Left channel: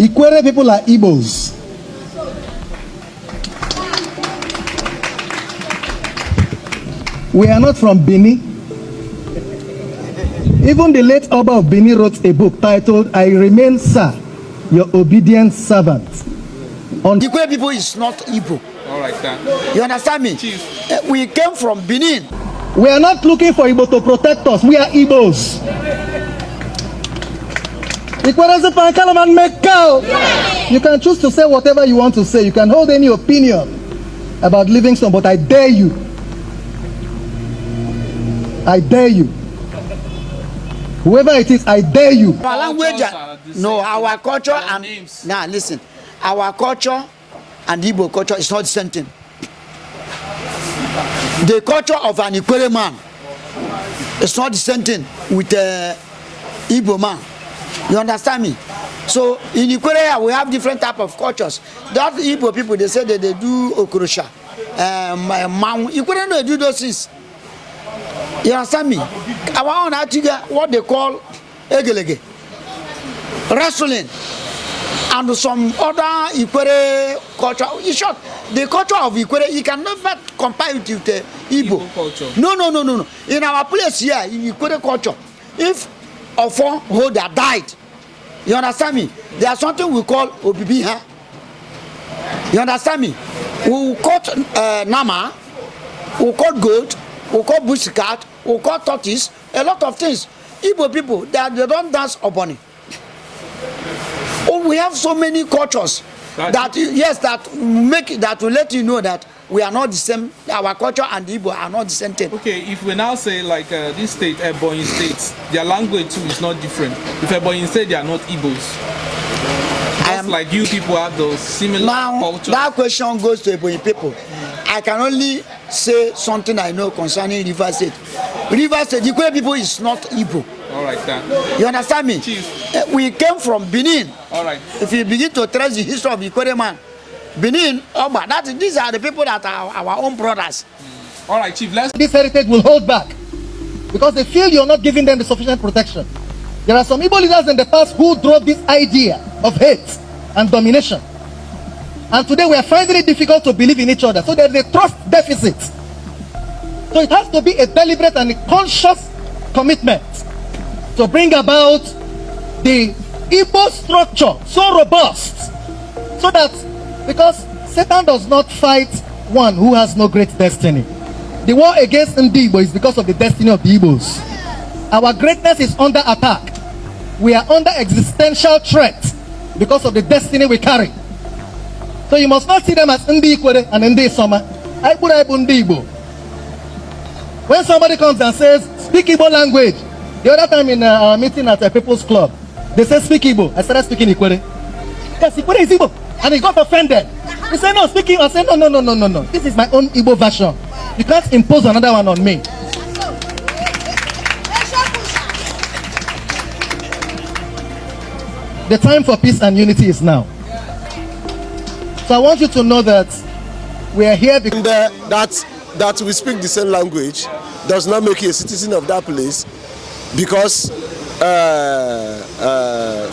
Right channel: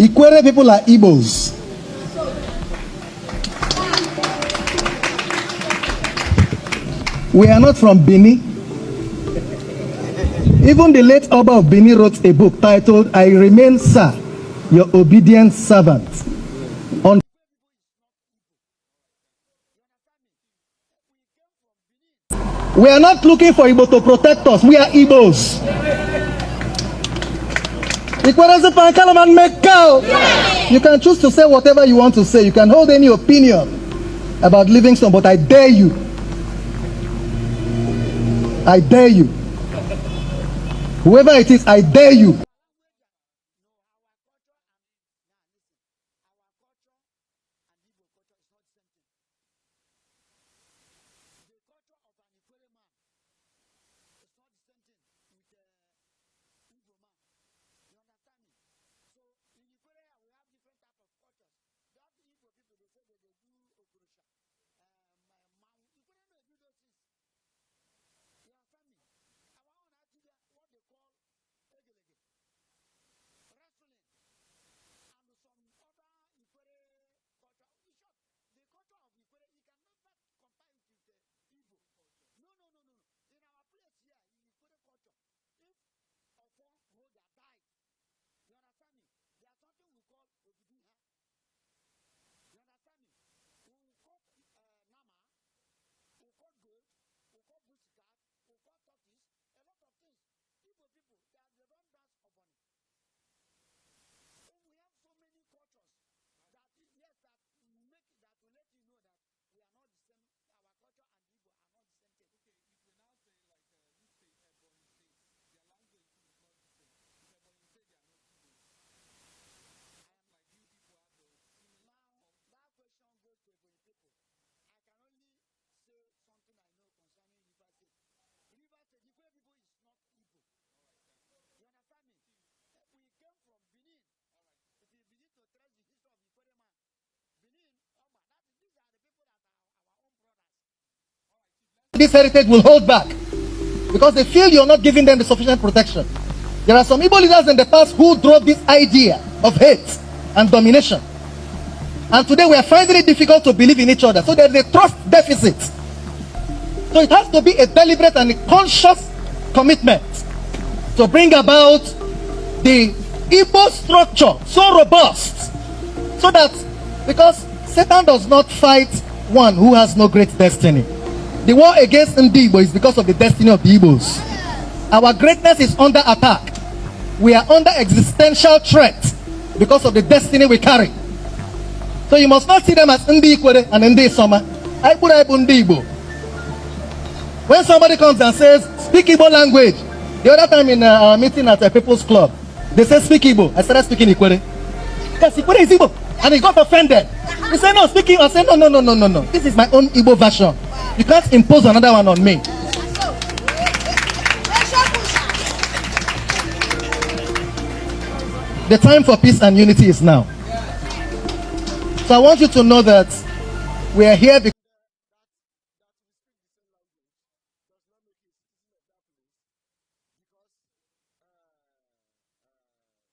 Ikwerre people are Igbos. We are not from Benin. Even the late Oba of Benin wrote a book titled, I Remain, Sir, Your Obedient Servant. Ikwerre people is not Igbo. All right, then. You understand me? We came from Benin. We are not looking for Igbo to protect us. We are Igbos. Ikwerres Pankalaman Mekao. You can choose to say whatever you want to say. You can hold any opinion about Livingstone, but I dare you. I dare you. Whoever it is, I dare you. Our language, no, our culture and now listen, our culture and Igbo culture is not the same thing. The culture of an Ikwerre man is not the same thing with Igbo man. You understand me? So in Ikwerre we have different type of cultures. That Igbo people, they say that they do okrosha, Ikwerre no do those things. You understand me? Our own Atiga, what they call egelege, wrestling, and some other Ikwerre culture. In short, the culture of Ikwerre, you can never compare it with the Igbo culture. No. In our place here, in Ikwerre culture, if a four holder died, you understand me? There's something we call obibiha. You understand me? We will cut nama, we will cut goat, we will cut bush cat, we will cut tortoise, a lot of things. Igbo people, they don't dance upon it. Oh, we have so many cultures that will let you know that we are not the same. Our culture and Igbo are not the same thing. Okay, if we now say like this state, Ebonyi states, their language too is not different. If Ebonyi state, they are not Igbos. Just like you people have those similar cultures. That question goes to Ebonyi people. I can only say something I know concerning River State. River State, the Ikwerre people is not Igbo. All right, then. You understand me? Chief. We came from Benin. All right. If you begin to trace the history of the Ikwerre man, Benin, Oba, these are the people that are our own brothers. All right, Chief. This heritage will hold back because they feel you're not giving them the sufficient protection. There are some Igbo leaders in the past who drove this idea of hate and domination. And today we are finding it difficult to believe in each other. So there's a trust deficit. So it has to be a deliberate and a conscious commitment to bring about the Igbo structure so robust, so that, because Satan does not fight one who has no great destiny. The war against Ndigbo is because of the destiny of the Igbos. Our greatness is under attack. We are under existential threat because of the destiny we carry. So you must not see them as Ndi Ikwerre and Ndi Soma. Ndigbo. When somebody comes and says, speak Igbo language, the other time in our meeting at a people's club, they said, speak Igbo. I started speaking Ikwerre. Yes, Ikwerre is Igbo. And he got offended. He said, no, speaking. I said, no. This is my own Igbo version. You can't impose another one on me. The time for peace and unity is now. So I want you to know that we are here because that we speak the same language does not make you a citizen of that place, because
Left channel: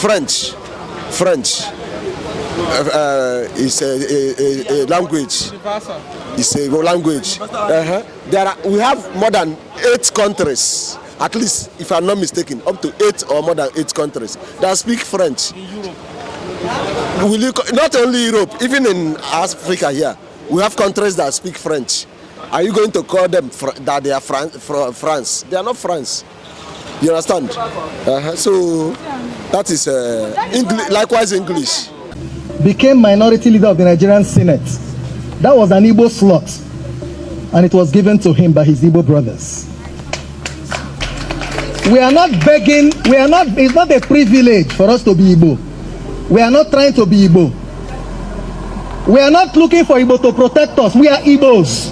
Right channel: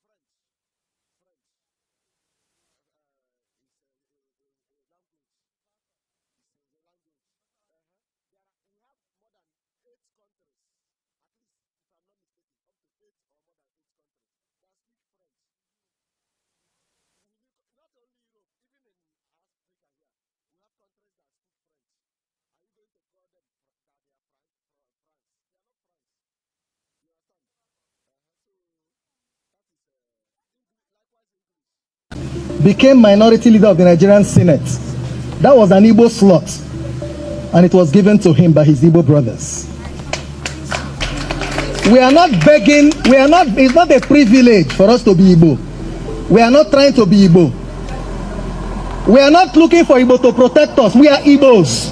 French is a language. It's a language. We have more than 8 countries, at least, if I'm not mistaken, up to 8 or more than 8 countries that speak French. In Europe. Not only Europe, even in Africa here, we have countries that speak French. Are you going to call them that they are France? They are not France. You understand? So that is likewise English. Became minority leader of the Nigerian Senate. That was an Igbo slot, and it was given to him by his Igbo brothers. We are not begging. It's not a privilege for us to be Igbo. We are not trying to be Igbo. We are not looking for Igbo to protect us. We are Igbos.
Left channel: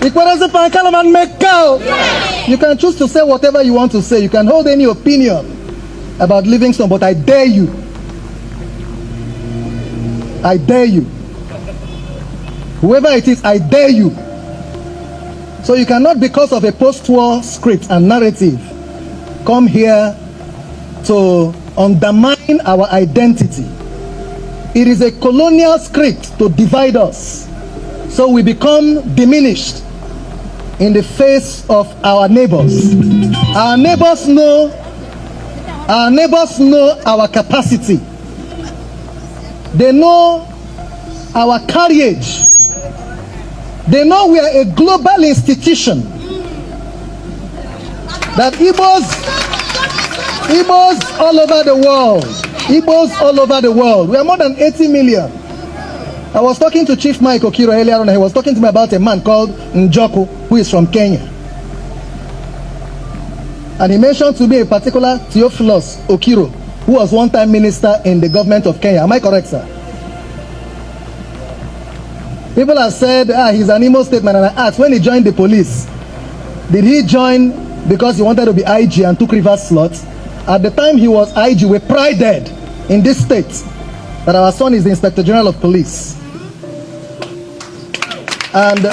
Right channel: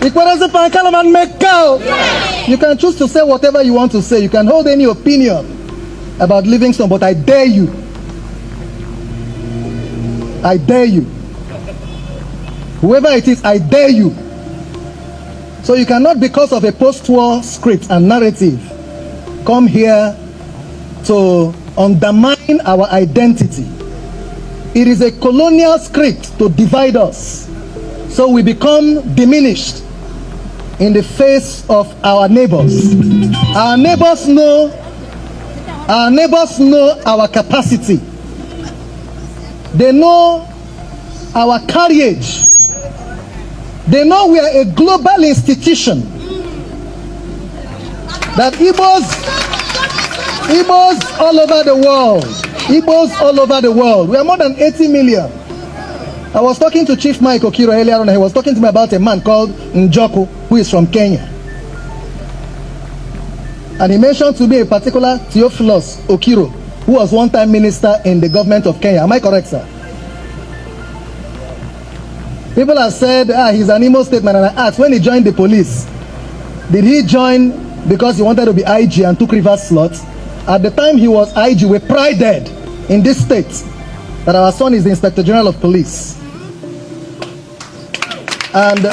Ikwerres Pankalaman Mekao. You can choose to say whatever you want to say. You can hold any opinion about Livingstone, but I dare you. I dare you. Whoever it is, I dare you. So you cannot, because of a post-war script and narrative, come here to undermine our identity. It is a colonial script to divide us, so we become diminished in the face of our neighbors. Our neighbors know our capacity. They know our courage. They know we are a global institution. That Igbos all over the world, Igbos all over the world. We are more than 80 million. I was talking to Chief Mike Okiro earlier on, and he was talking to me about a man called Njoku, who is from Kenya. And he mentioned to me a particular Theophilus Okiro, who was one-time minister in the government of Kenya. Am I correct, sir? People have said, he's an Imo State man, and I asked, when he joined the police, did he join because he wanted to be IG and took reverse slots? At the time he was IG, we prided in this state that our son is the Inspector General of Police. And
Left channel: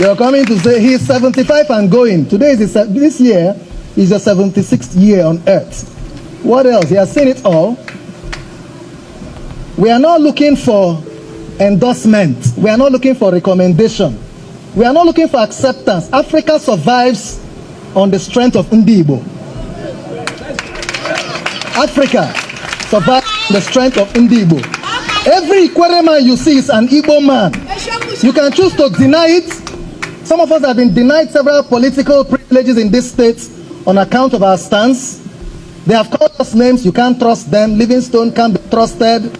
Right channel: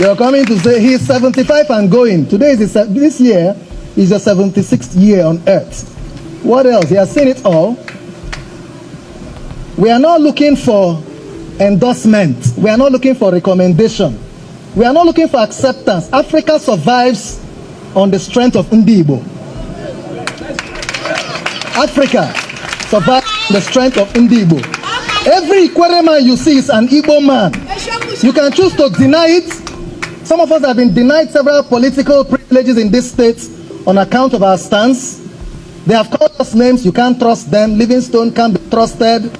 you're coming to say he's 75 and going. Today is this year is the 76th year on earth. What else? He has seen it all. We are not looking for endorsement. We are not looking for recommendation. We are not looking for acceptance. Africa survives on the strength of Ndigbo. Africa survives on the strength of Ndigbo. Every Ikwerre man you see is an Igbo man. You can choose to deny it. Some of us have been denied several political privileges in this state on account of our stance. They have called us names. You can't trust them. Livingstone can't be trusted. You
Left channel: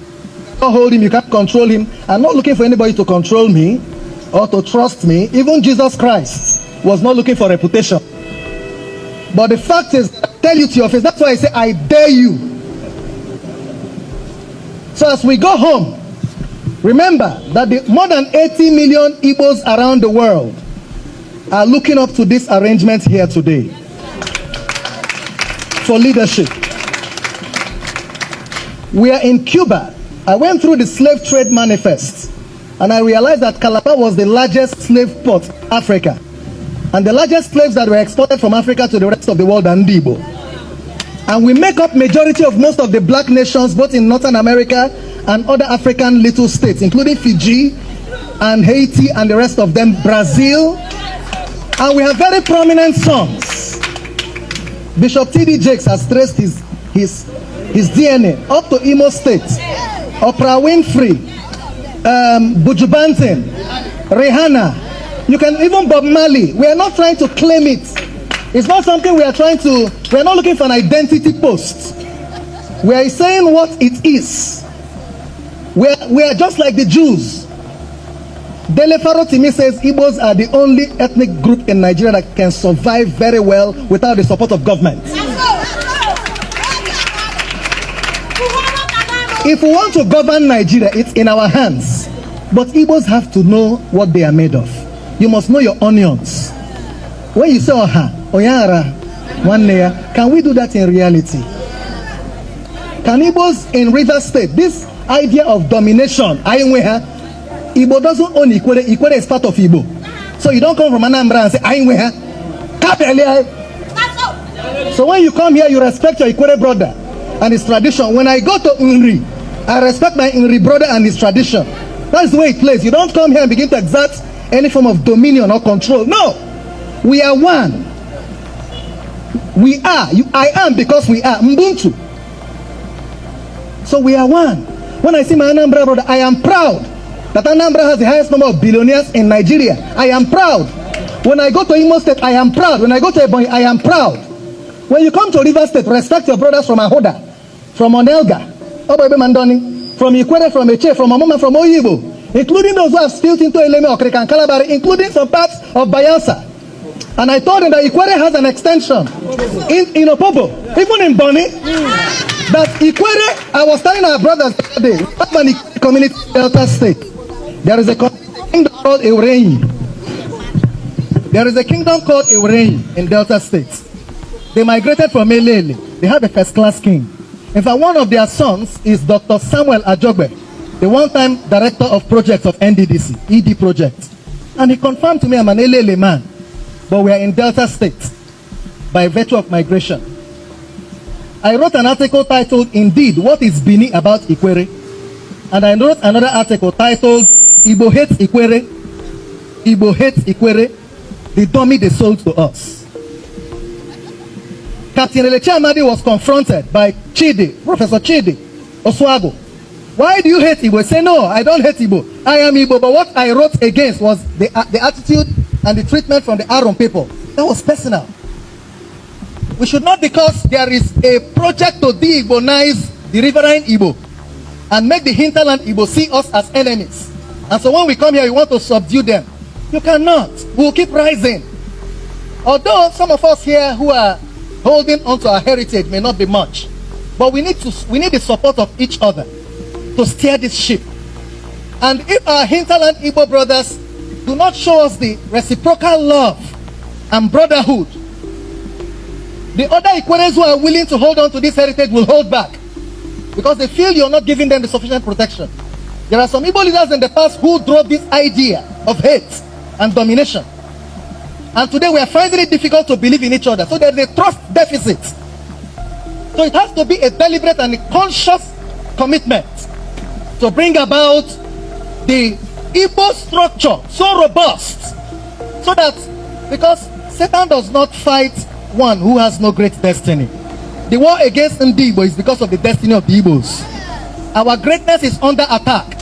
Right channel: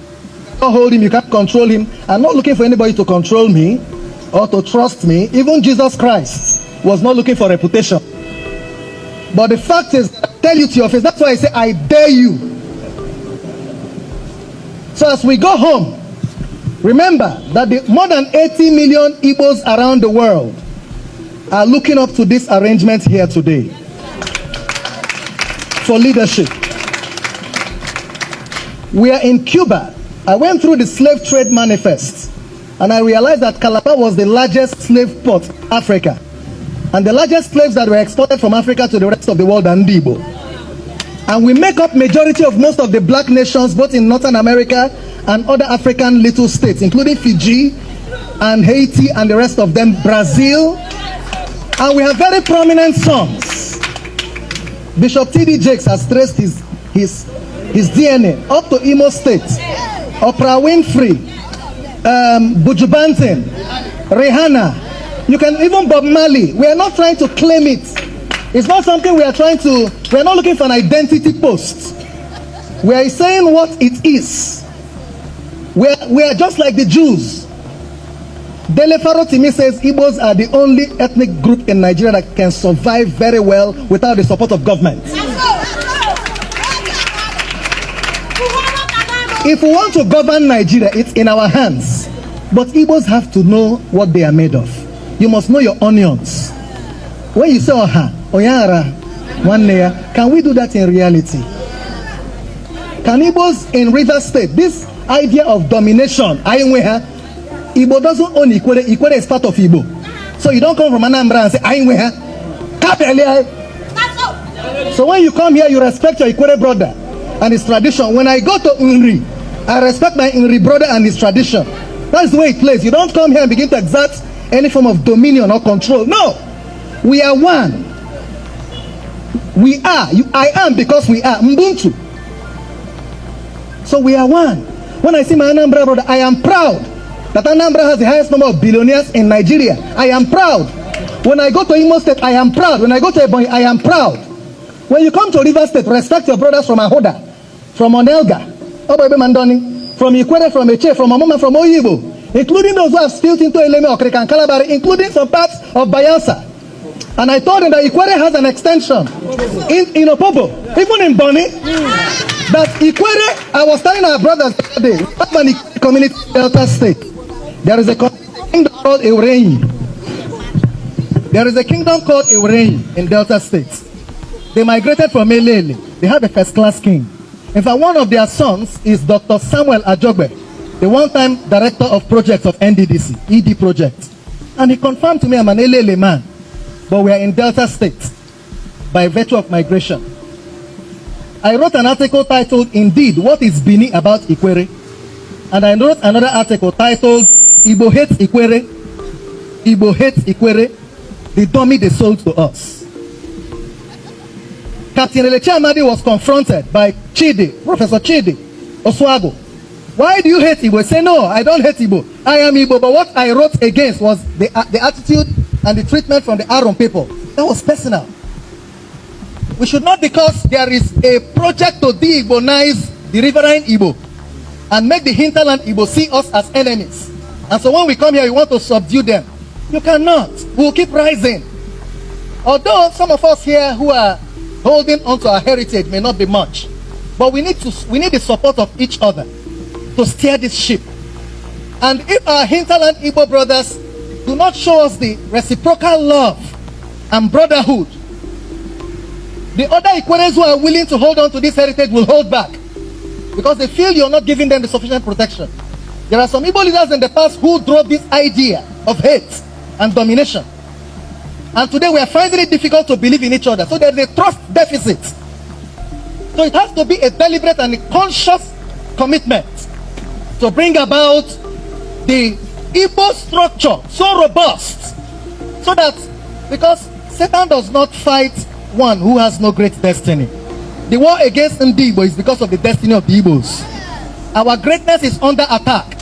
can't hold him. You can't control him. I'm not looking for anybody to control me or to trust me. Even Jesus Christ was not looking for reputation. But the fact is, I tell you to your face, that's why I say, I dare you. So as we go home, remember that the more than 80 million Igbos around the world are looking up to this arrangement here today for leadership. We are in Cuba. I went through the slave trade manifest, and I realized that Calabar was the largest slave port in Africa. And the largest slaves that were exported from Africa to the rest of the world are Ndigbo. And we make up majority of most of the black nations, both in Northern America and other African little states, including Fiji and Haiti and the rest of them, Brazil. And we have very prominent sons. Bishop T.D. Jakes has traced his DNA up to Imo State. Oprah Winfrey, Buju Banton, Rihanna. You can even Bob Marley. We are not trying to claim it. It's not something we are not looking for an identity post. We are saying what it is. We are just like the Jews. Dele Farotimi says Igbos are the only ethnic group in Nigeria that can survive very well without the support of government. If we want to govern Nigeria, it's in our hands. But Igbos have to know what they are made of. You must know your onions. When you say Oha, Oyara, Wanneya, can we do that in reality? Can Igbos in River State, this idea of domination, Igbo doesn't own Ikwerre. Ikwerre is part of Igbo. So you don't come from Anambra and say, so when you come here, you respect your Ikwerre brother and his tradition. When I go to Unri, I respect my Unri brother and his tradition. That's the way it plays. You don't come here and begin to exert any form of dominion or control. No. We are one. We are. I am because we are. Mbuntu. So we are one. When I see my Anambra brother, I am proud that Anambra has the highest number of billionaires in Nigeria. I am proud. When I go to Imo State, I am proud. When I go to Ebonyi, I am proud. When you come to River State, respect your brothers from Ahoda, from Onelga, from Ikwerre, from Eche, from Amoma, from Oyibo, including those who have spilled into Eleme, Okrika, and Kalabari, including some parts of Bayelsa. And I told him that Ikwerre has an extension in Opobo, even in Boni. That Ikwerre, I was telling our brothers today, we have an community in Delta State. There is a kingdom called Ikwerre. There is a kingdom called Ikwerre in Delta State. They migrated from Elele. They have a first-class king. In fact, one of their sons is Dr. Samuel Ajogbe, the one-time director of projects of NDDC, ED project. And he confirmed to me I'm an Elele man. But we are in Delta State by virtue of migration. I wrote an article titled, Indeed, What is Benin About Ikwerre? And I wrote another article titled, Igbo Hates Ikwerre, Igbo Hates Ikwerre, the dummy they sold to us. Captain Elechi Amadi was confronted by Chidi, Professor Chidi Oswago. Why do you hate Igbo? He said, no, I don't hate Igbo. I am Igbo, but what I wrote against was the attitude and the treatment from the Aron people. That was personal. We should not, because there is a project to de-Igbonize the riverine Igbo and make the hinterland Igbo see us as enemies. And so when we come here, we want to subdue them. You cannot. We will keep rising. Although some of us here who are holding on to our heritage may not be much, but we need the support of each other to steer this ship. And if our hinterland Igbo brothers do not show us the reciprocal love and brotherhood, the other Ikwerres who are willing to hold on to this heritage will hold back because they feel you're not giving them the sufficient protection. There are some Igbo leaders in the past who drove this idea of hate and domination. And today we are finding it difficult to believe in each other. So there's a trust deficit. So it has to be a deliberate and a conscious commitment to bring about the Igbo structure so robust, so that, because Satan does not fight one who has no great destiny. The war against Ndigbo is because of the destiny of the Igbos. Our greatness is under attack.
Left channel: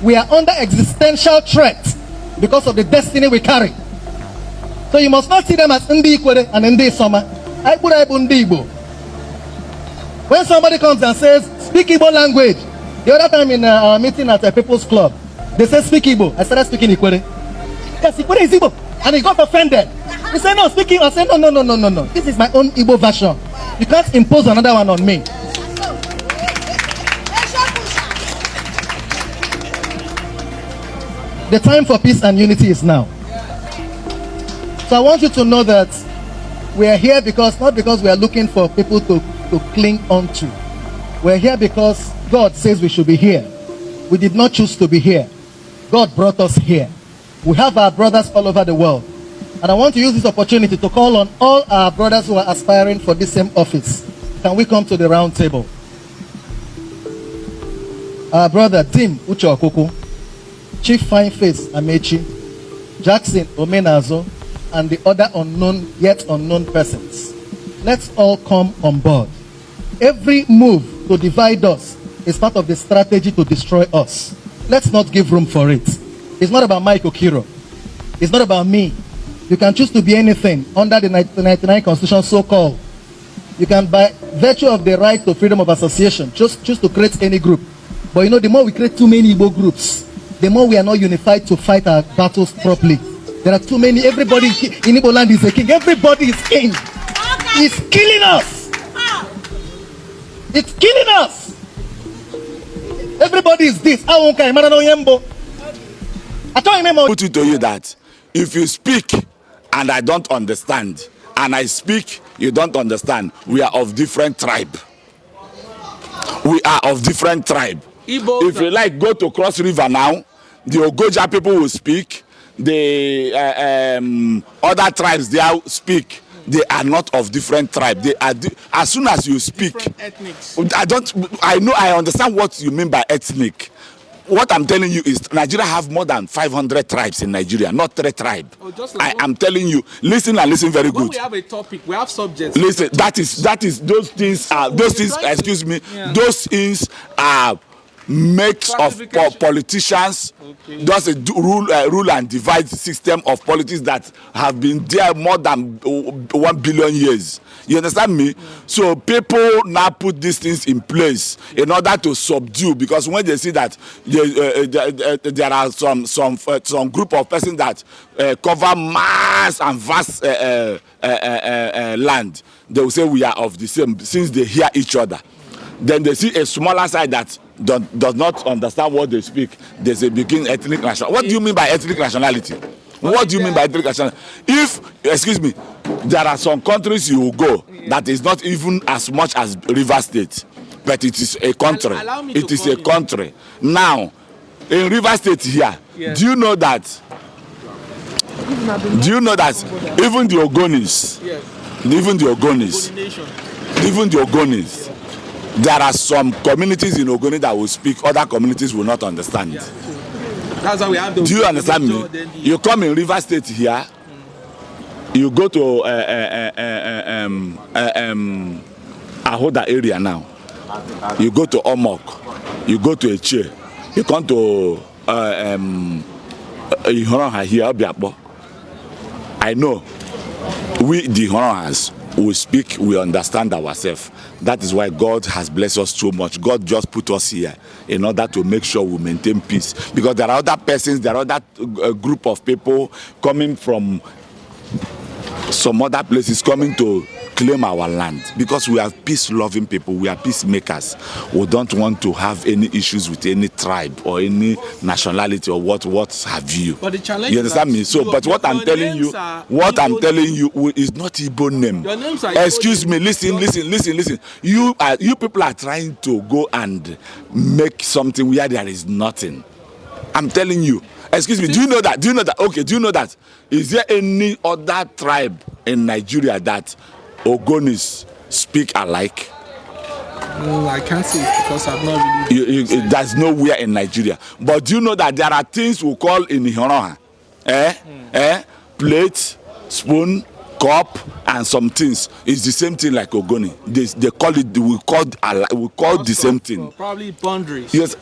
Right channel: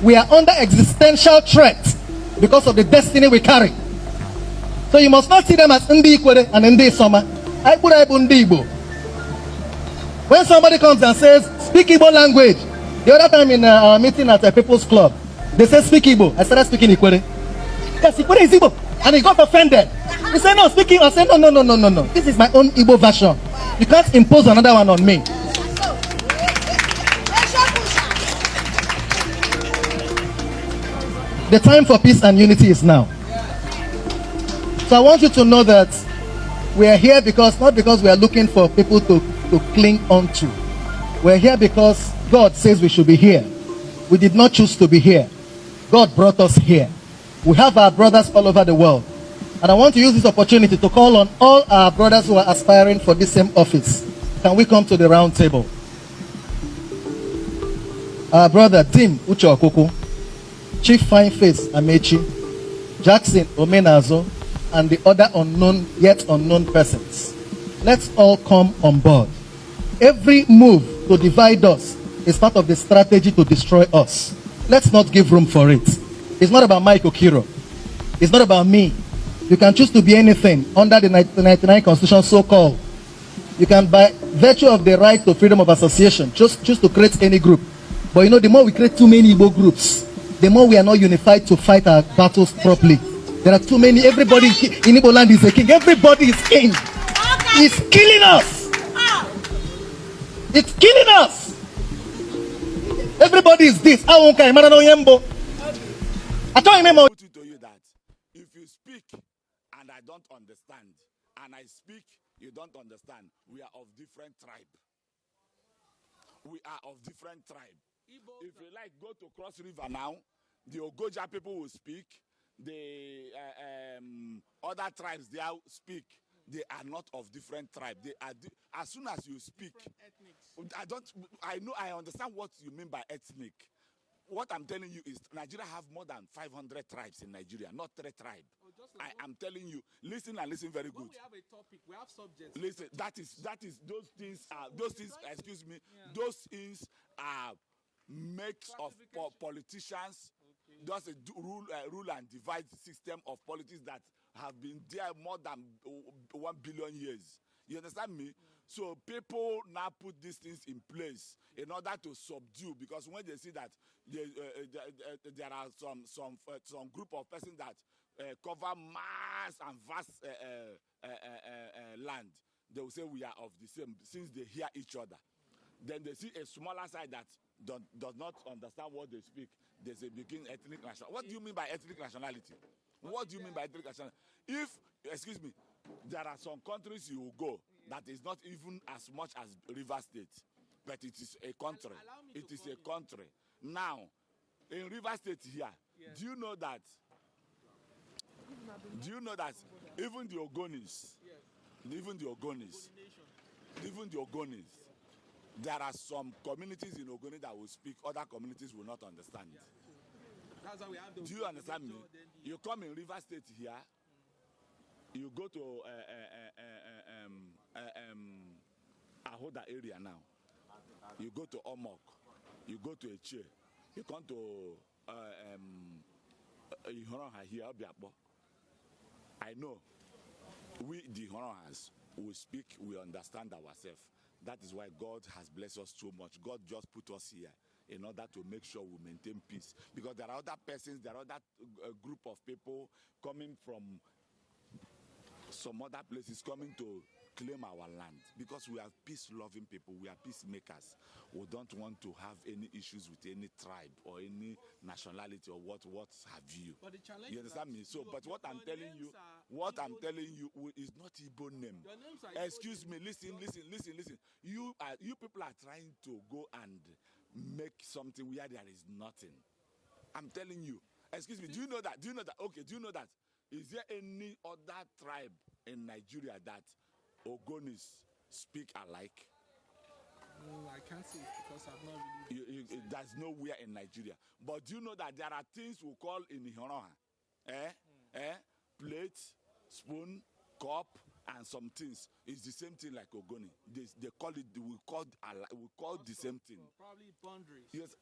We are under existential threat because of the destiny we carry. So you must not see them as Ndi Ikwerre and Ndi Soma. Ndigbo. When somebody comes and says, speak Igbo language, the other time in our meeting at a People's Club, they said, speak Igbo. I started speaking Ikwerre. Yes, Ikwerre is Igbo. And he got offended. He said, no, speaking. I said, no. This is my own Igbo version. You can't impose another one on me. The time for peace and unity is now. So I want you to know that we are here because, not because we are looking for people to cling on to. We're here because God says we should be here. We did not choose to be here. God brought us here. We have our brothers all over the world. And I want to use this opportunity to call on all our brothers who are aspiring for this same office. Can we come to the round table? Our brother Tim Uche Okoko, Chief Fine Face Amechi, Jackson Omenazo, and the other unknown, yet unknown persons. Let's all come on board. Every move to divide us is part of the strategy to destroy us. Let's not give room for it. It's not about Mike Okiro. It's not about me. You can choose to be anything under the 1999 Constitution, so-called. You can, by virtue of the right to freedom of association, choose to create any group. But you know, the more we create too many Igbo groups, the more we are not unified to fight our battles properly. There are too many. Everybody in Igbo land is a king. Everybody is king. It's killing us. It's killing us. Everybody is this. I put it to you that if you speak and I don't understand, and I speak, you don't understand, we are of different tribe. We are of different tribe. Igbos, if you like, go to Cross River now, the Ogoja people will speak, the other tribes they speak. They are not of different tribe. They are as soon as you speak, I understand what you mean by ethnic. What I'm telling you is Nigeria have more than 500 tribes in Nigeria, not 3 tribes. Oh, like I am telling you, listen and listen very good. When we have a topic, we have subjects. Listen, that is those things are excuse me, yeah. Those things are makes of politicians. Okay. Just a rule and divide system of politics that have been there more than 1 billion years. You understand me? So people now put these things in place in order to subdue, because when they see that there are some group of persons that cover mass and vast land, they will say we are of the same, since they hear each other. Then they see a smaller side that does not understand what they speak. There's a begin ethnic nationality. What do you mean by ethnic nationality? What do you mean by ethnic nationality? If, excuse me, there are some countries you will go that is not even as much as River State, but it is a country. It is a country. Now, in River State here, yes. Do you know that even the Ogonis, yes. Even the Ogonis, even the Ogonis. There are some communities in Ogoni that will speak, other communities will not understand. Yeah. That's how we have those. Do you understand me? You come in River State here, you go to Ahoda area now, you go to Omok, you go to Eche, you come to Ihoronha here, Obiakpo. I know we, the Ihoronhas, we speak, we understand ourselves. That is why God has blessed us so much. God just put us here in order to make sure we maintain peace. Because there are other persons, there are other group of people coming from some other places coming to claim our land. Because we are peace-loving people, we are peacemakers. We don't want to have any issues with any tribe or any nationality or what have you. But the challenge, you understand me? So, but what I'm telling you, is not Igbo name. Your names are Excuse me, listen. You people are trying to go and make something where there is nothing. I'm telling you. Excuse me, do you know that? Okay, do you know that? Is there any other tribe in Nigeria that Ogonis speak alike? No, I can't say it because I've not really. There's nowhere in Nigeria. But do you know that there are things we call in Ihoroha? Plate, spoon, cup, and some things. It's the same thing like Ogoni. They call it. We call the same thing. Probably boundaries. Yes.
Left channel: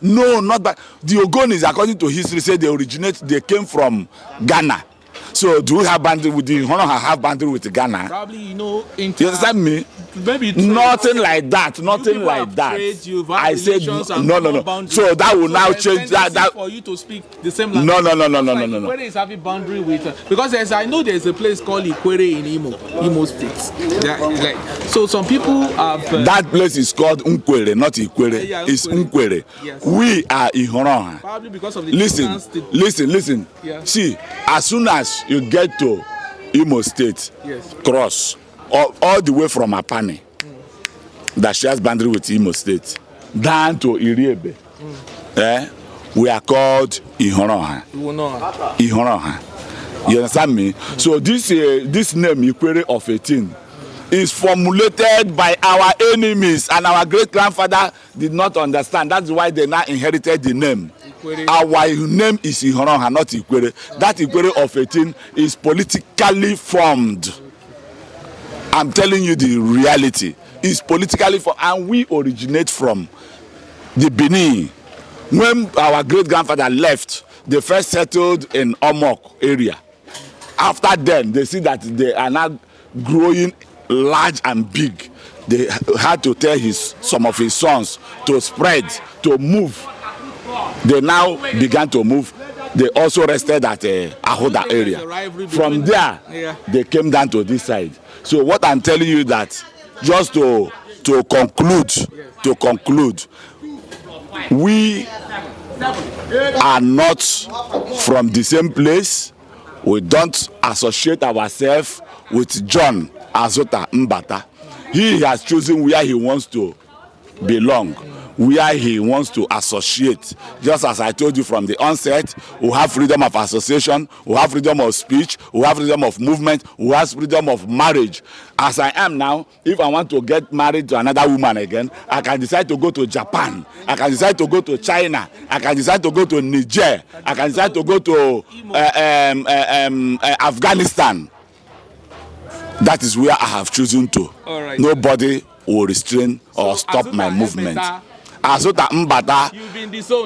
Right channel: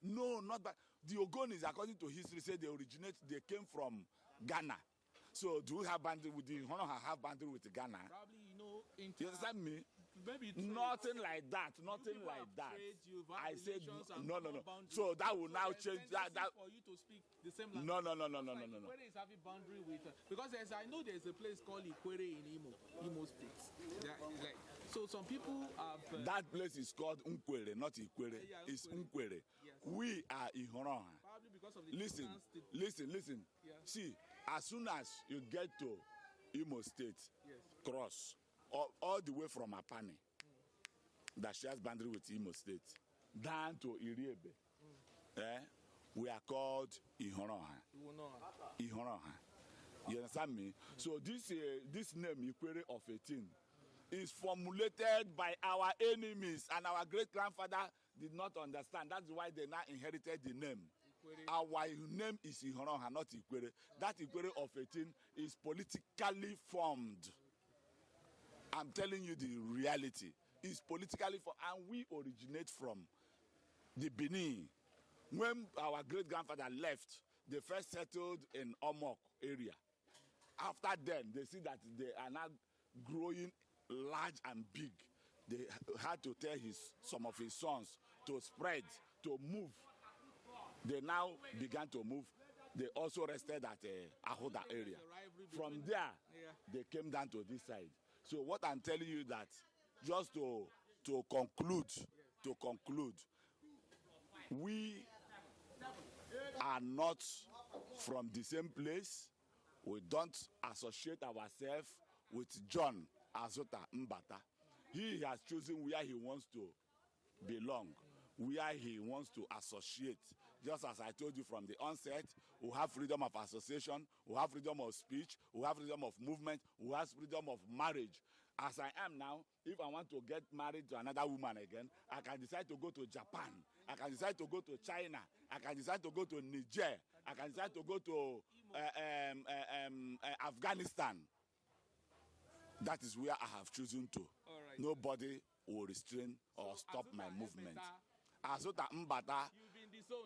No, not that. The Ogonis, according to history, say they came from Ghana. So do we have boundary with the Ihoroha have boundary with Ghana? Probably, you understand me? Maybe nothing like that. Nothing like that. I said no. So that will now change that for you to speak the same language. No. Ikwerre is having boundary with because I know there's a place called Ikwerre in Imo State. So some people have that place is called Ikwerre, not Ikwerre. Yeah, it's Ikwerre. Yes. We are Ihoroha. Probably because of the listen. Yeah. See, as soon as you get to Imo State, yes, cross all the way from Apani, that shares boundary with Imo State, down to Iriebe. We are called Ihoroha. Ihoroha. You understand me? So this name Ikwerre of 18 is formulated by our enemies, and our great grandfather did not understand. That's why they now inherited the name. Our name is Ihoroha, not Ikwerre. That Ikwerre of 18 is politically formed. I'm telling you the reality. It's politically formed, and we originate from the Benin. When our great grandfather left, they first settled in Omok area. After then, they see that they are now growing large and big. They had to tell some of his sons to spread, to move. They now began to move. They also rested at Ahoda area. From there, they came down to this side. So what I'm telling you that, just to conclude, we are not from the same place. We don't associate ourselves with John Azota Mbata. He has chosen where he wants to belong, where he wants to associate. Just as I told you from the onset, we have freedom of association, we have freedom of speech, we have freedom of movement, we have freedom of marriage. As I am now, if I want to get married to another woman again, I can decide to go to Japan, I can decide to go to China, I can decide to go to Niger, I can decide to go to Afghanistan. That is where I have chosen to. Right. Nobody will restrain or stop my movement. Azota Mbata,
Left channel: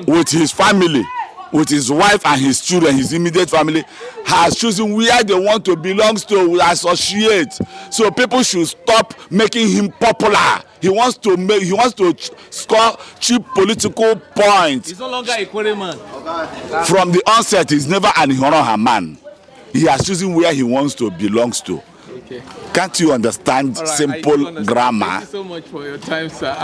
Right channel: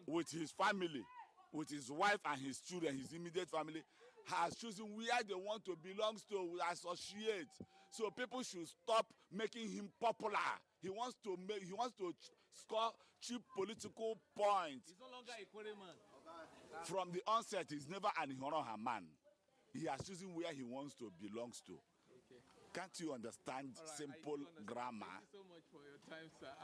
with his family, with his wife and his children, his immediate family, has chosen where they want to belong to, associate. So people should stop making him popular. He wants to score cheap political points. He's no longer a Ikwerre man. From the onset, he's never an Ihoroha man. He has chosen where he wants to belong to. Okay. Can't you understand simple grammar? Thank you so much for your time, sir.